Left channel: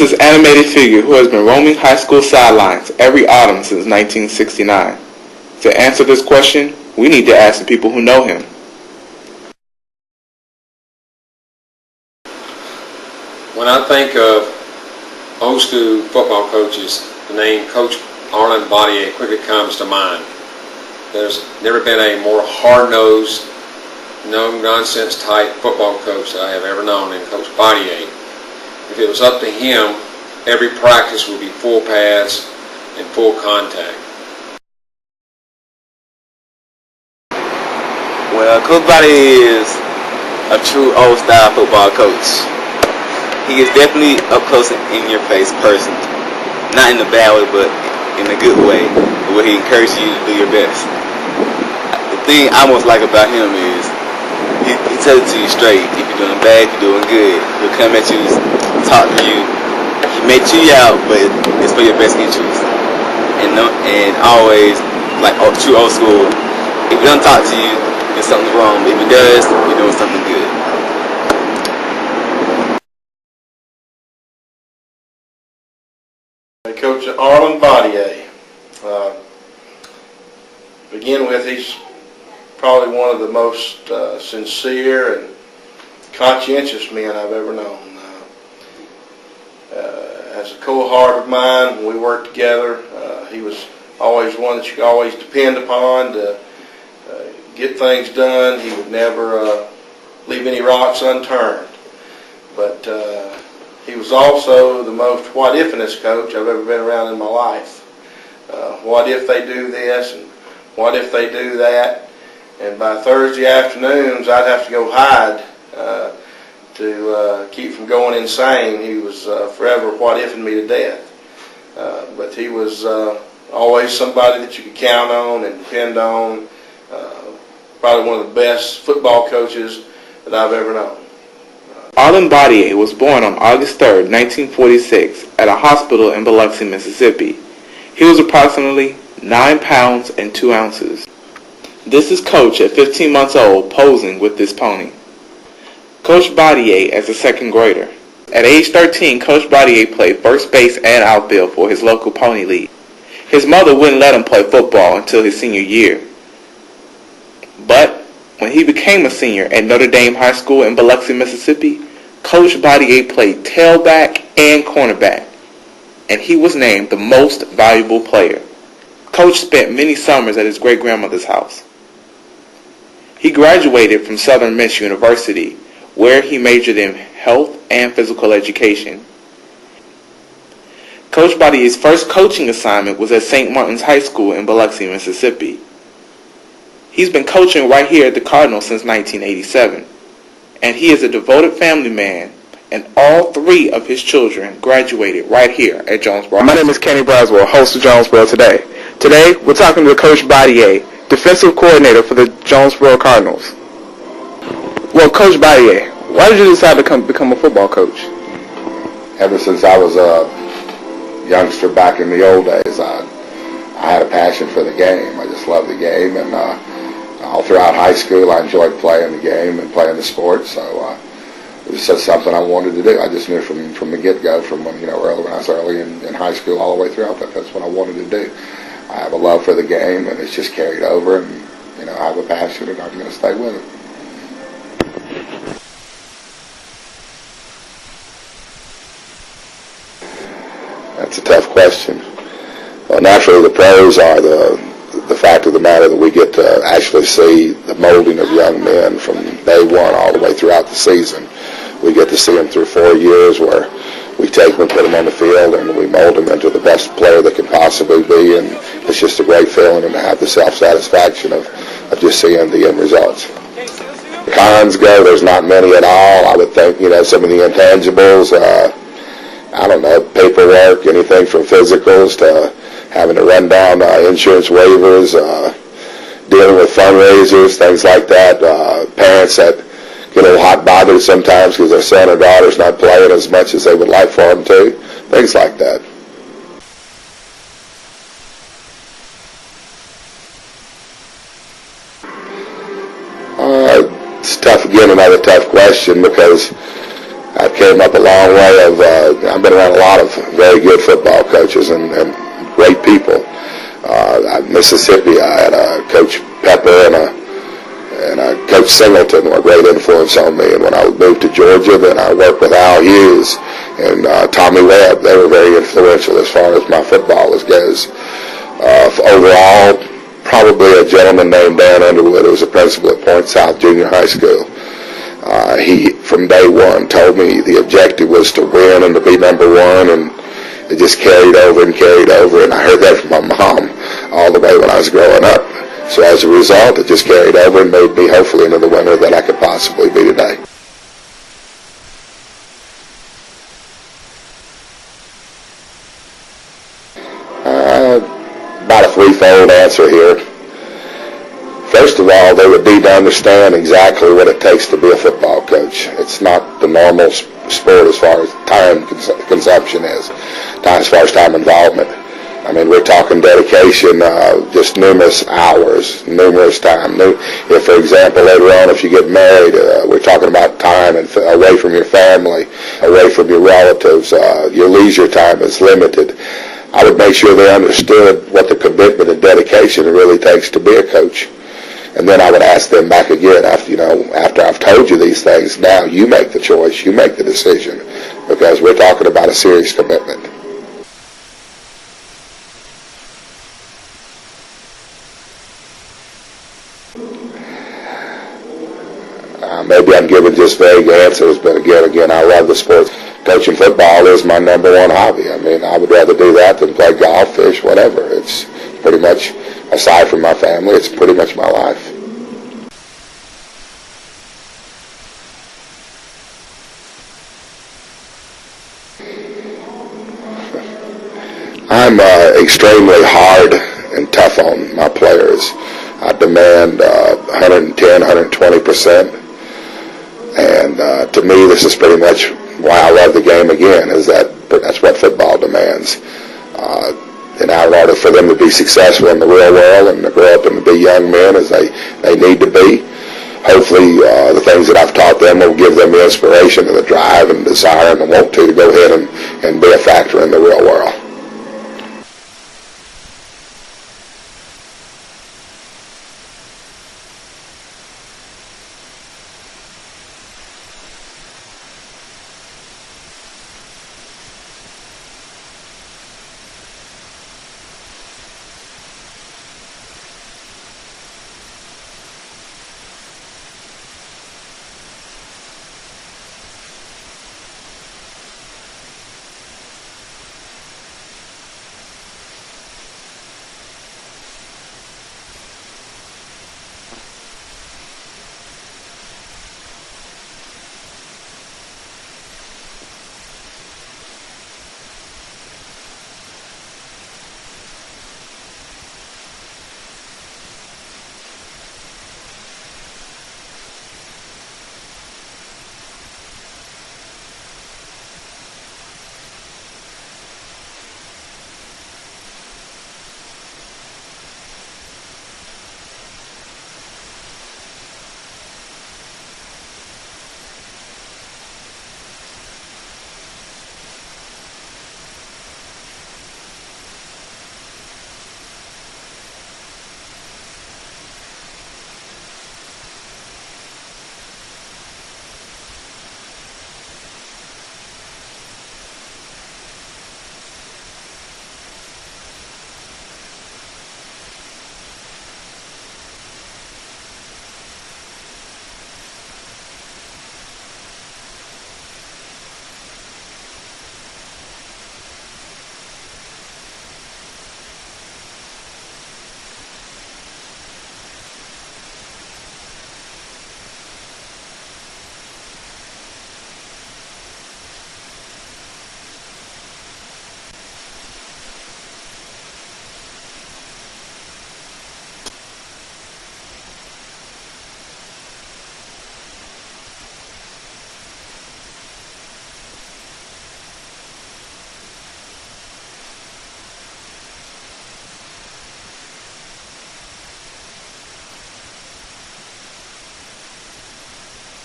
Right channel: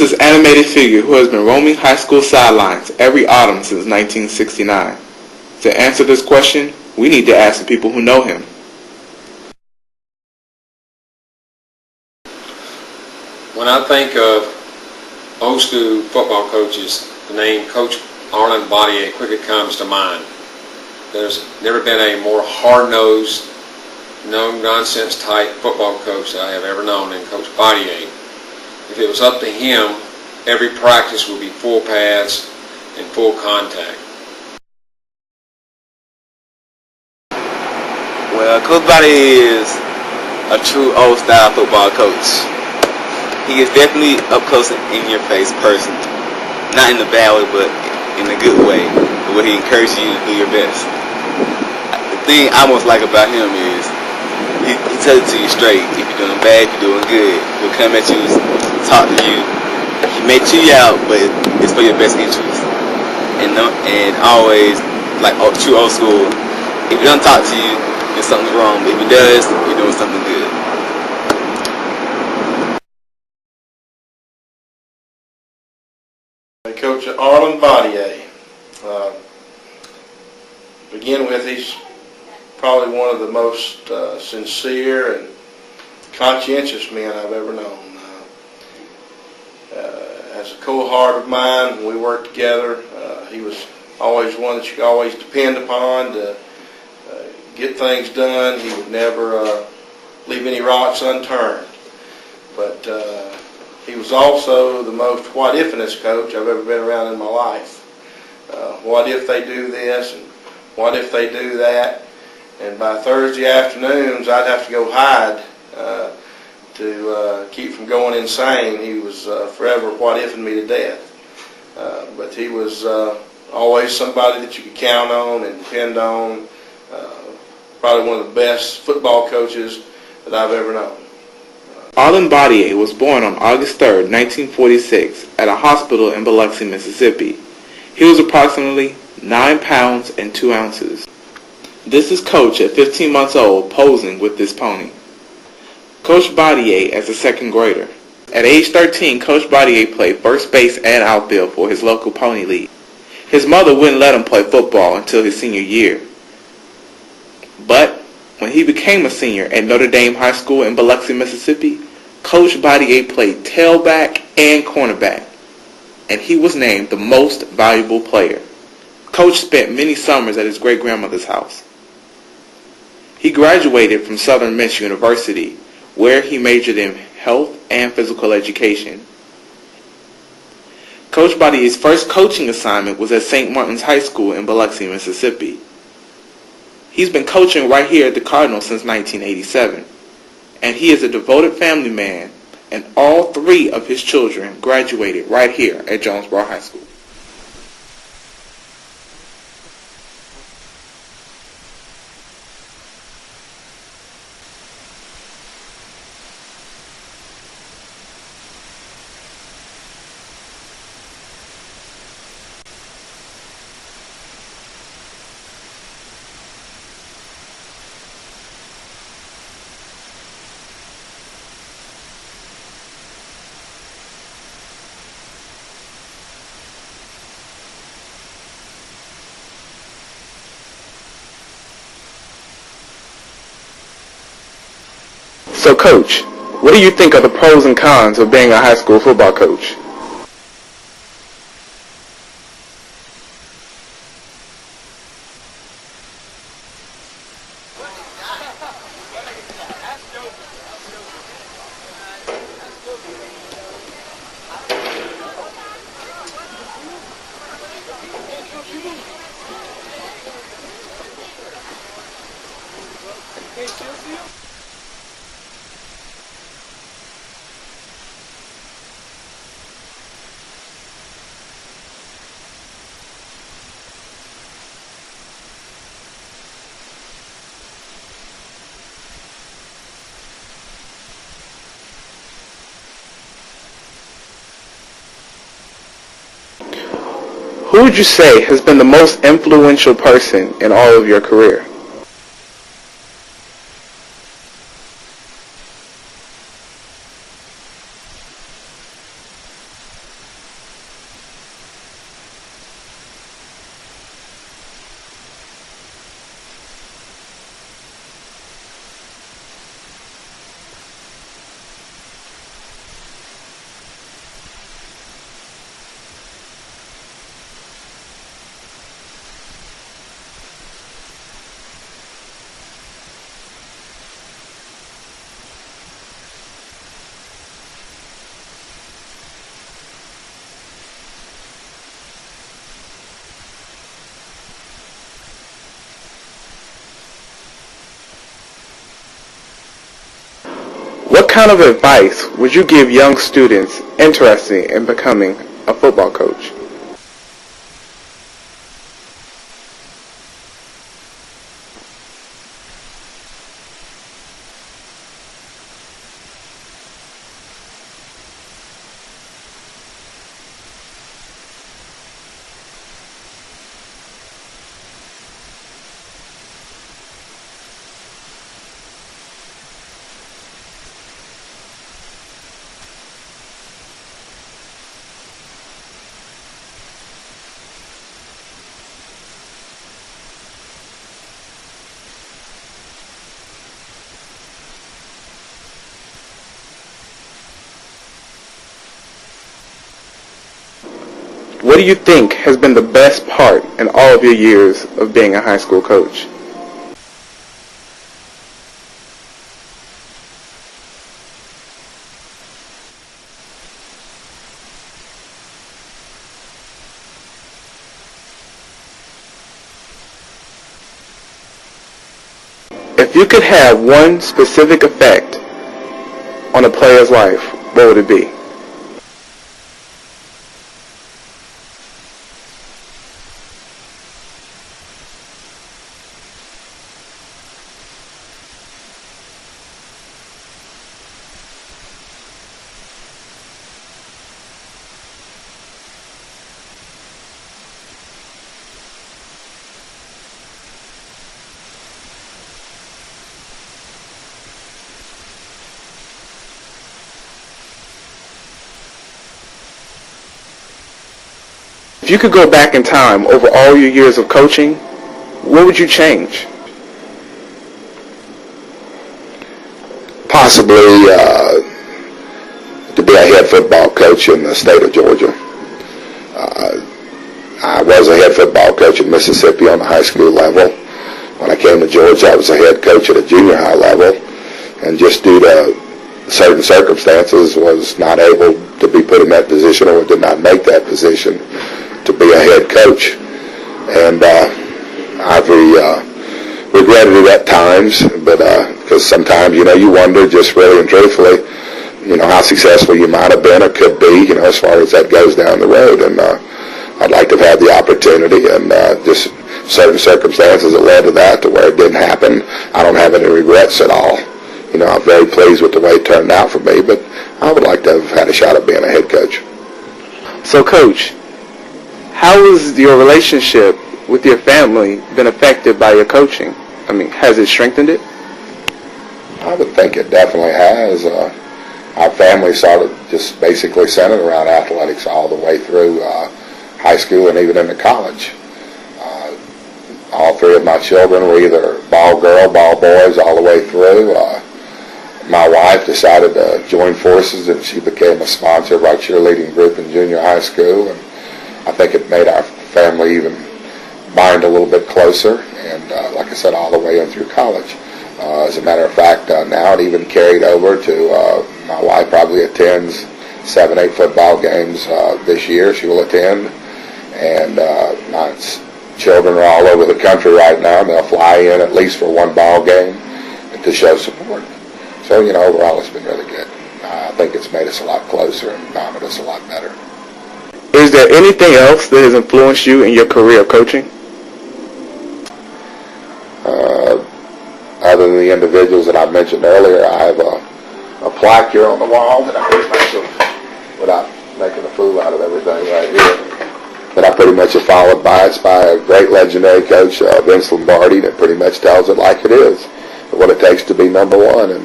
is this animated figure who has been roaming high school sidelines every autumn since 1969? To answer this question, we need to ask the people who know him. When I think of old school football coaches, the name Coach Arlin Batia quickly comes to mind. There's never been a more hard-nosed, no-nonsense type football coach that I have ever known than Coach Batia. If it was up to him, every practice would be full pads and full contact. Well, Coach Batia is a true old-style football coach. He is definitely up close and in-your-face person. Not in a bad way, but in a good way, where he encourages you to do your best. The thing I most like about him is he tells it to you straight. If you're doing bad, if you're doing good, he'll come at you, talk to you. He may chew you out, but it's for your best interest. And always, like true old school, if he doesn't talk to you, then something's wrong. But if he does, you're doing something good. Coach Arlin Batia. Begin with, he's probably one of the most sincere and conscientious men I've ever known. As a co-heart of mine, when we worked together, he was always one that you could always depend upon to get things done. He would never leave any rocks unturned. But he was also the most what-if-ness coach I've ever been around in my life. What if they do this, and what if they do that? And by Thursday afternoons, I'd have to go hide to keep from going insane. He was forever what-ifing me to death. But he was always somebody that you could count on and depend on. Probably one of the best football coaches that I've ever known. Arlin Batia was born on August 3, 1946, at a hospital in Biloxi, Mississippi. He was approximately 9 pounds and 2 ounces. This is Coach at 15 months old posing with this pony. Coach Batia as a second grader. At age 13, Coach Batia played first base and outfield for his local pony league. His mother wouldn't let him play football until his senior year. But when he became a senior at Notre Dame High School in Biloxi, Mississippi, Coach Batia played tailback and cornerback, and he was named the most valuable player. Coach spent many summers at his great-grandmother's house. He graduated from Southern Miss University, where he majored in health and physical education. Coach Batia's first coaching assignment was at St. Martin's High School in Biloxi, Mississippi. He's been coaching right here at the Cardinals since 1987, and he is a devoted family man, and all 3 of his children graduated right here at Jonesboro. My name is Kenny Braswell, host of Jonesboro Today. Today, we're talking to Coach Batia, defensive coordinator for the Jonesboro Cardinals. Well, Coach Batia, why did you decide to become a football coach? Ever since I was a youngster back in the old days, I had a passion for the game. I just loved the game, and all throughout high school, I enjoyed playing the game and playing the sport. So it was just something I wanted to do. I just knew from the get-go, from when I was early in high school all the way throughout that's what I wanted to do. I have a love for the game, and it's just carried over, and I have a passion, and I'm going to stay with it. So, Coach, what do you think are the pros and cons of being a high school football coach? That's a tough question. Well, naturally, the pros are the fact of the matter that we get to actually see the molding of young men from day one all the way throughout the season. We get to see them through 4 years where we take them and put them on the field and we mold them into the best player they could possibly be, and it's just a great feeling, and to have the self-satisfaction of just seeing the end results. The cons go, there's not many at all. I would think, some of the intangibles, I don't know, paperwork, anything from physicals to having to run down insurance waivers, dealing with fundraisers, things like that. Parents that get a little hot bothered sometimes because their son or daughter's not playing as much as they would like for them to. Things like that. Who would you say has been the most influential person in all of your career? It's tough, again, another tough question, because I came up a long way. I've been around a lot of very good football coaches and great people. At Mississippi, I had Coach Pepper and Coach Singleton were a great influence on me. And when I moved to Georgia, then I worked with Al Hughes and Tommy Webb. They were very influential as far as my football goes. Overall, probably a gentleman named Dan Underwood, who was a principal at Point South Junior High School. He, from day one, told me the objective was to win and to be number one, and it just carried over, and I heard that from my mom all the way when I was growing up. So as a result, it just carried over and made me hopefully into the winner that I could possibly be today. What kind of advice would you give young students interested in becoming a football coach? About a threefold answer here. First of all, they would need to understand exactly what it takes to be a football coach. It's not the normal sport as far as time consumption is, as far as time involvement. I mean, we're talking dedication, just numerous hours, numerous time. If, for example, later on, if you get married, we're talking about time and away from your family, away from your relatives. Your leisure time is limited. I would make sure they understood what the commitment and dedication it really takes to be a coach. And then I would ask them back again, after I've told you these things, now you make the choice, you make the decision, because we're talking about a serious commitment. What do you think has been the best part in all of your years of being a high school coach? Maybe I'm giving just vague answers, but again, I love the sports. Coaching football is my number one hobby. I mean, I would rather do that than play golf, fish, whatever. It's pretty much, aside from my family, it's pretty much my life. If you could have one specific effect on a player's life, what would it be? I'm extremely hard and tough on my players. I demand 110, 120%. And to me, this is pretty much why I love the game again, is that's what football demands. In order for them to be successful in the real world and to grow up and to be young men as they need to be, hopefully the things that I've taught them will give them the inspiration and the drive and desire and the want to go ahead and be a factor in the real world. If you could go back in time over all your years of coaching, what would you change? Possibly to be a head football coach in the state of Georgia. I was a head football coach in Mississippi on the high school level. When I came to Georgia, I was a head coach at a junior high level, and just due to certain circumstances was not able to be put in that position, or did not make that position to be a head coach. And I've regretted it at times, but because sometimes, you wonder just really and truthfully, how successful you might have been or could be, as far as that goes down the road. And I'd like to have had the opportunity, and just certain circumstances that led to that, to where it didn't happen. I don't have any regrets at all. I'm very pleased with the way it turned out for me, but I would like to have had a shot at being a head coach. So, Coach, how has your relationship with your family been affected by your coaching? I mean, has it strengthened it? I would think it definitely has. Our family started just basically centered around athletics all the way through high school and even into college. All three of my children were either ball girl, ball boys, all the way through. My wife decided to join forces, and she became a sponsor of our cheerleading group in junior high school. And I think it made our family even bind a little bit closer, and like I said, all the way in through college. As a matter of fact, now it even carried over to my wife probably attends 7-8 football games this year. She will attend, and my children are all over the country right now. They'll fly in at least for one ball game to show support. So, overall it's been really good. I think it's made us a lot closer and bonded us a lot better. Is there anything else that has influenced you in your career of coaching? Other than the individuals that I mentioned earlier, I have a plaque here on the wall that I pretty much, without making a fool out of everything right here, that I pretty much have followed by. It's by a great legendary coach, Vince Lombardi, that pretty much tells it like it is, what it takes to be number one. And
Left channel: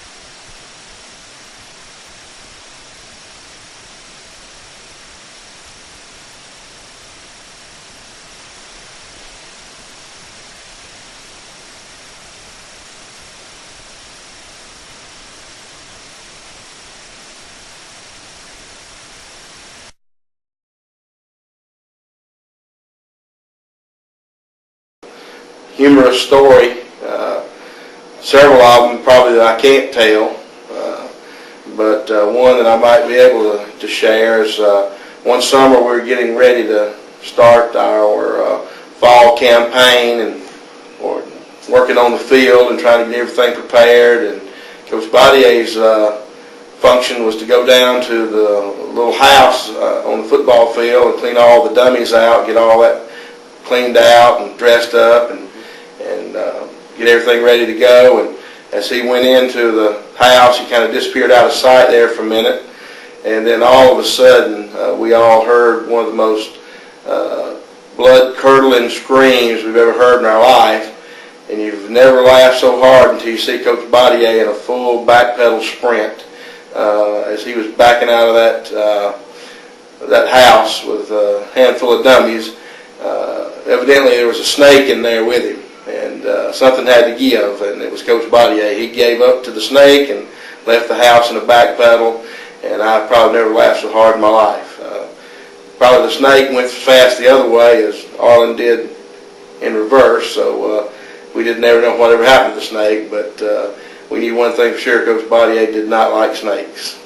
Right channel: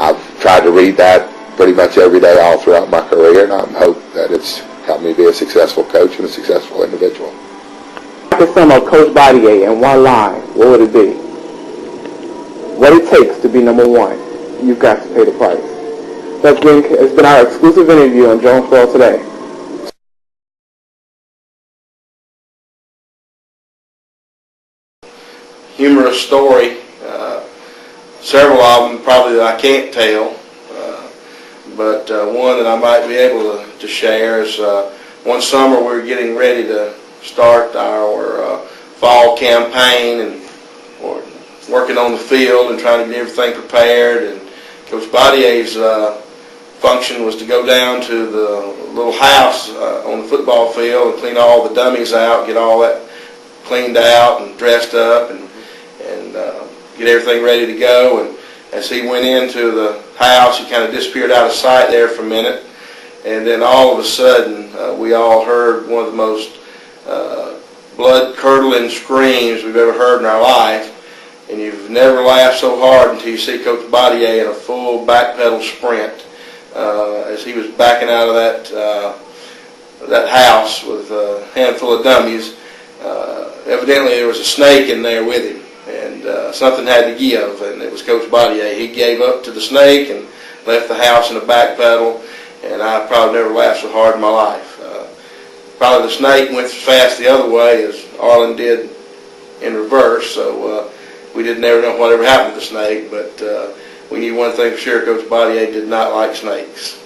I've tried to read that pretty much every day all throughout my career, and I hope that it's helped me be a successful coach and a successful individual. To sum up Coach Batia in one line, what would it be? What it takes to be number one, you've got to pay the price. That's it's been our exclusive interview on Jonesboro Today. Humorous story. Several of them probably that I can't tell, but one that I might be able to share is one summer we were getting ready to start our fall campaign and working on the field and trying to get everything prepared. And Coach Batia's function was to go down to the little house on the football field and clean all the dummies out, get all that cleaned out and dressed up, and get everything ready to go. And as he went into the house, he kind of disappeared out of sight there for a minute. And then all of a sudden, we all heard one of the most blood-curdling screams we've ever heard in our life. And you've never laughed so hard until you see Coach Batia in a full backpedal sprint as he was backing out of that house with a handful of dummies. Evidently, there was a snake in there with him, and something had to give, and it was Coach Batia. He gave up to the snake and left the house in a backpedal, and I probably never laughed so hard in my life. Probably the snake went as fast the other way as Arlin did in reverse, so we didn't ever know whatever happened to the snake, but we knew one thing for sure: Coach Batia did not like snakes.